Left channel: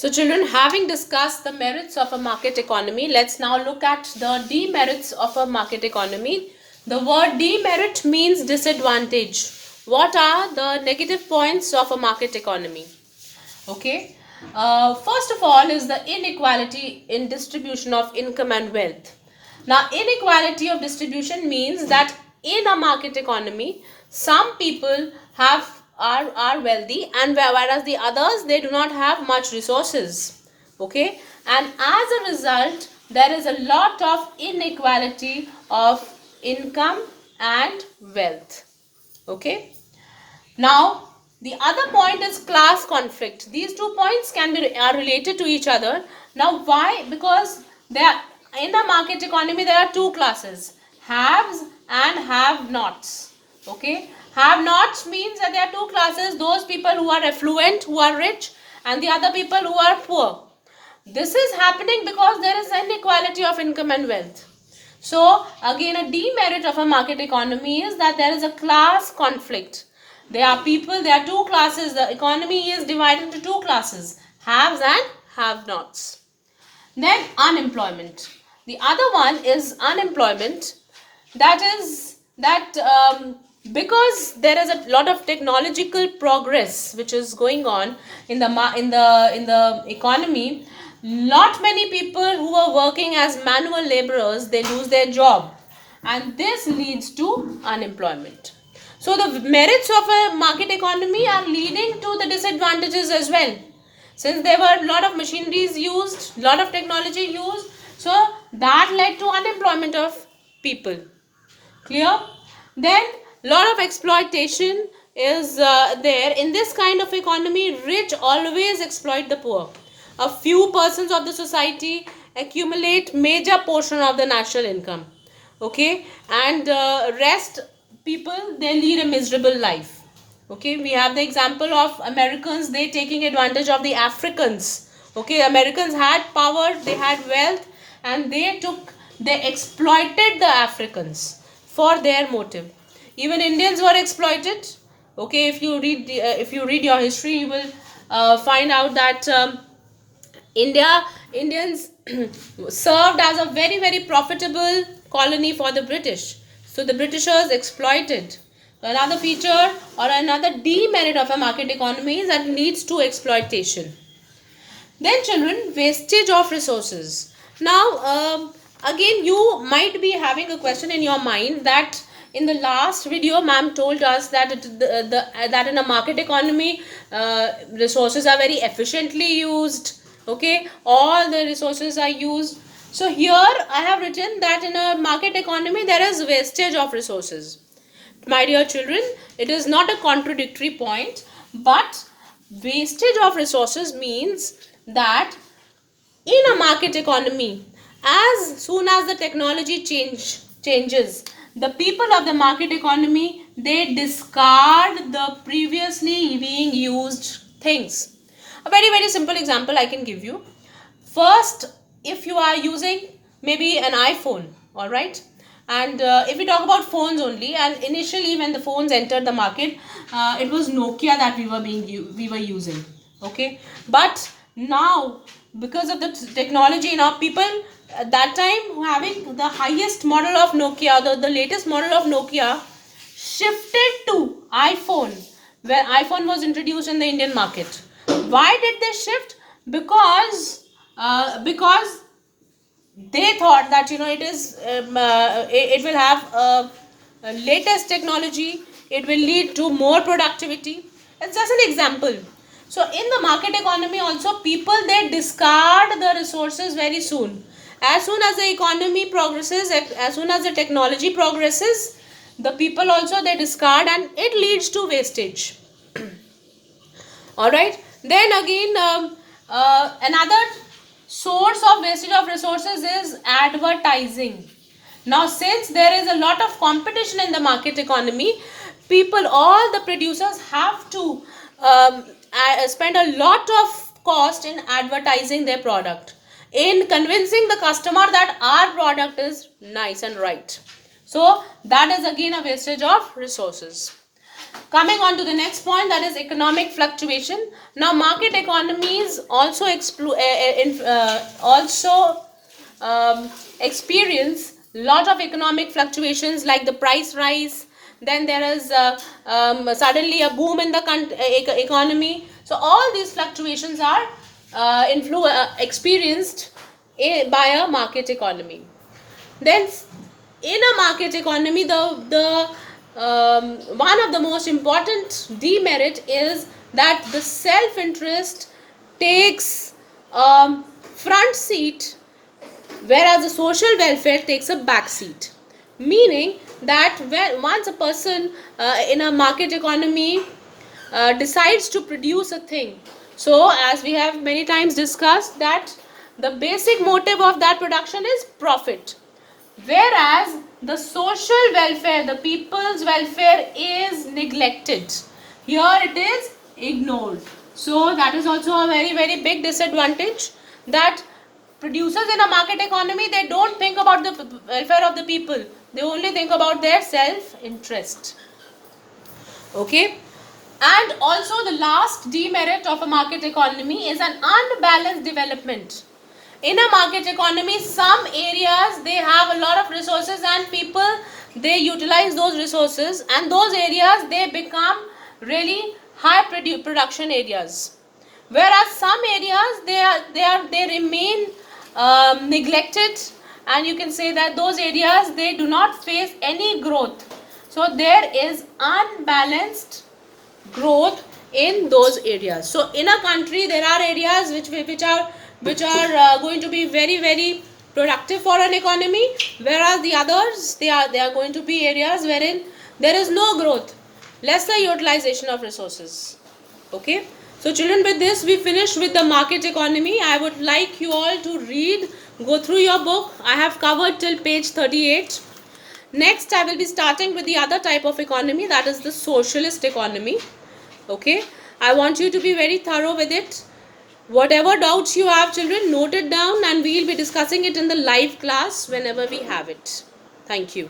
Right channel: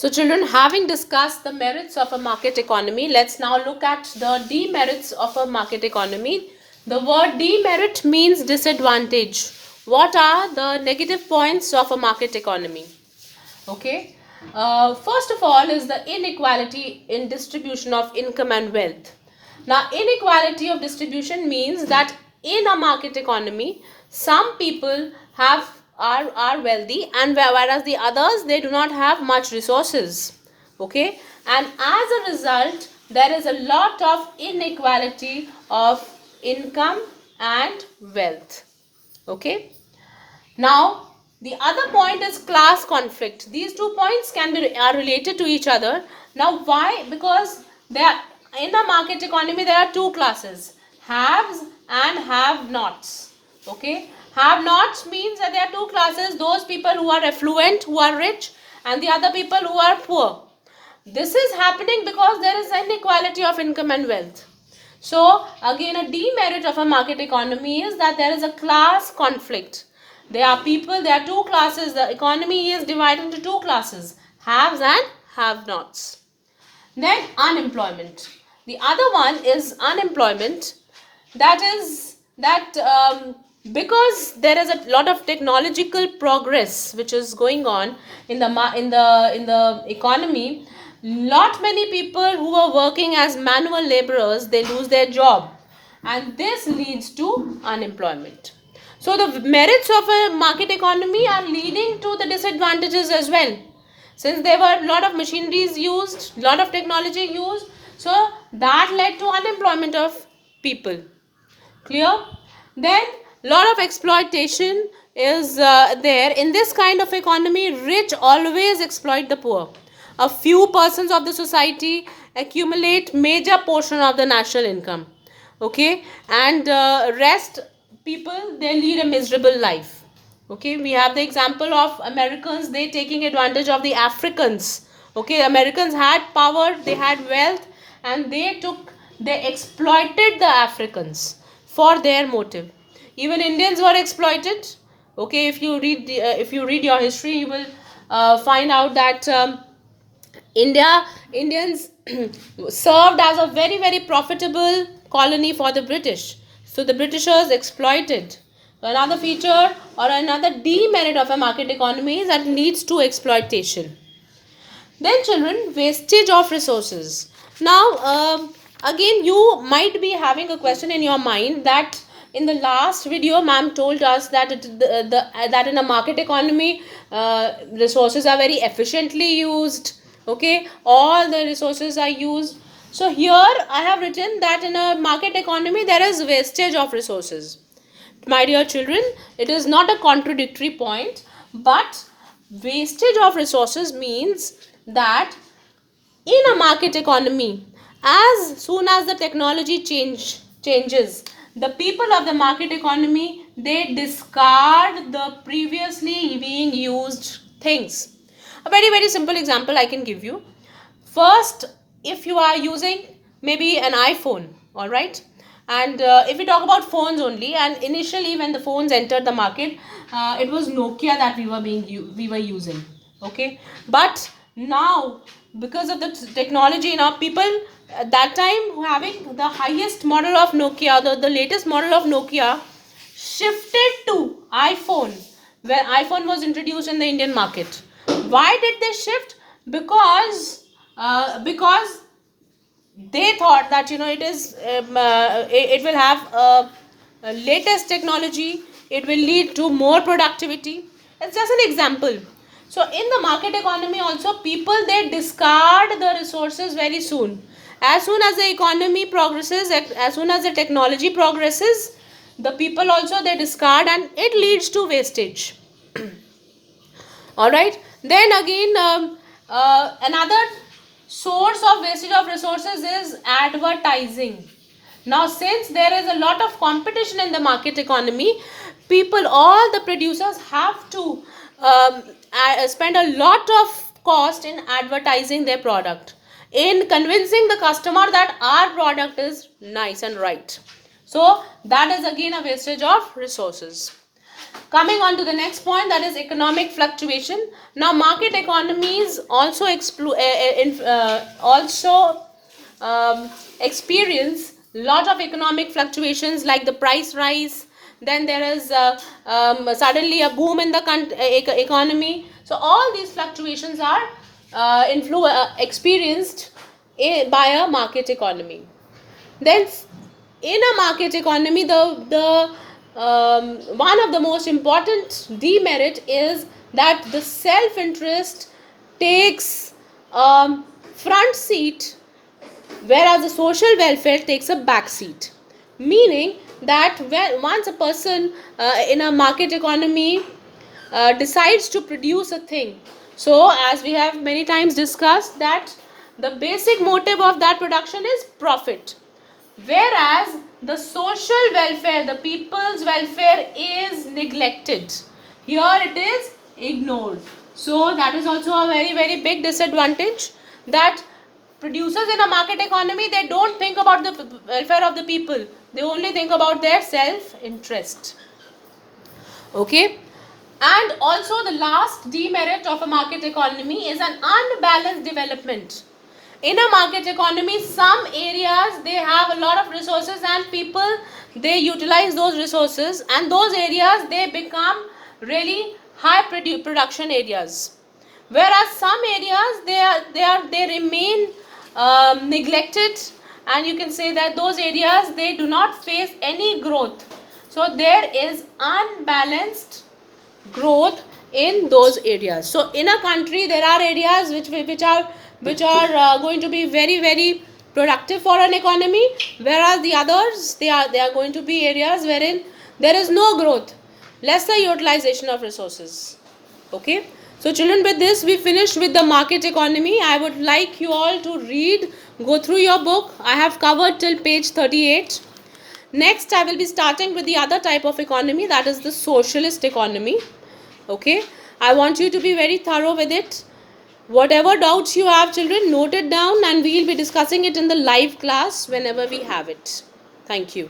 So children, having discussed the merits of a market economy, let's now look at the demerits of a market economy. The word demerit means disadvantage. What are the negative points of a market economy? Okay. First of all is the inequality in distribution of income and wealth. Now, inequality of distribution means that in a market economy, some people are wealthy, and whereas the others, they do not have much resources. Okay, and as a result, there is a lot of inequality of income and wealth. Okay. Now, the other point is class conflict. These 2 points are related to each other. Now, why? Because in the market economy there are two classes: haves and have-nots. Okay, have-nots means that there are two classes: those people who are affluent, who are rich, and the other people who are poor. This is happening because there is inequality of income and wealth. So, again, a demerit of a market economy is that there is a class conflict. There are two classes. The economy is divided into two classes: haves and have-nots. Then unemployment. The other one is unemployment. That is that because there is a lot of technological progress which is going on in the economy. Not many people who are working as manual laborers, they lose their job, and this leads to unemployment. So the merits of a market economy are leading to the disadvantages as well. Since there were a lot of machineries used, lot of technology used, so that led to unemployment of people. Clear? Then lot of exploitation is there. In this kind of economy, rich always exploit the poor. A few persons of the society accumulate major portion of the national income. Okay, and rest people, they lead a miserable life. Okay, we have the example of Americans, they taking advantage of the Africans. Okay, Americans had power, they had wealth, and they exploited the Africans for their motive. Even Indians were exploited. Okay, if you read your history, you will find out that Indians served as a very, very profitable colony for the British. So the Britishers exploited. Another feature or another demerit of a market economy is that it leads to exploitation. Then children, wastage of resources. Now, again, you might be having a question in your mind that in the last video, ma'am told us that that in a market economy, resources are very efficiently used. Okay, all the resources are used. So here I have written that in a market economy there is wastage of resources. My dear children, it is not a contradictory point, but wastage of resources means that in a market economy, as soon as the technology changes, the people of the market economy, they discard the previously being used things. A very, very simple example I can give you. First, if you are using maybe an iPhone, all right, and if we talk about phones only, and initially when the phones entered the market, it was Nokia that we were using. Okay, but now because of the technology, now people at that time having the highest model of Nokia, the latest model of Nokia, shifted to iPhone when iPhone was introduced in the Indian market. Why did they shift? Because they thought that it will have a latest technology, it will lead to more productivity. That's just an example. So in the market economy also, people, they discard the resources very soon. As soon as the economy progresses, as soon as the technology progresses, the people also, they discard, and it leads to wastage. All right, then again, another source of wastage of resources is advertising. Now, since there is a lot of competition in the market economy, all the producers have to spend a lot of cost in advertising their product, in convincing the customer that our product is nice and right. So that is again a wastage of resources. Coming on to the next point, that is economic fluctuation. Now, market economies also experience lot of economic fluctuations, like the price rise. Then there is suddenly a boom in the economy. So all these fluctuations are experienced by a market economy. Then in a market economy, the one of the most important demerit is that the self interest takes front seat, whereas the social welfare takes a back seat. Meaning that when once a person in a market economy decides to produce a thing, so as we have many times discussed, that the basic motive of that production is profit, whereas the social welfare, the people's welfare, is neglected. Here it is ignored. So that is also a very, very big disadvantage, that producers in a market economy, they don't think about the welfare of the people. They only think about their self-interest. Okay. And also the last demerit of a market economy is an unbalanced development. In a market economy, some areas, they have a lot of resources and people, they utilize those resources, and those areas, they become really high production areas. Whereas some areas, they remain neglected, and you can say that those areas, they do not face any growth. So there is unbalanced growth in those areas. So in a country, there are areas which are going to be very, very productive for an economy, whereas the others, they are going to be areas wherein there is no growth, lesser utilization of resources. Okay. So children, with this we finished with the market economy. I would like you all to read, go through your book. I have covered till page 38. Next, I will be starting with the other type of economy, that is the socialist economy. Okay. I want you to be very thorough with it. Whatever doubts you have, children, note it down, and we will be discussing it in the live class whenever we have it. Thank you.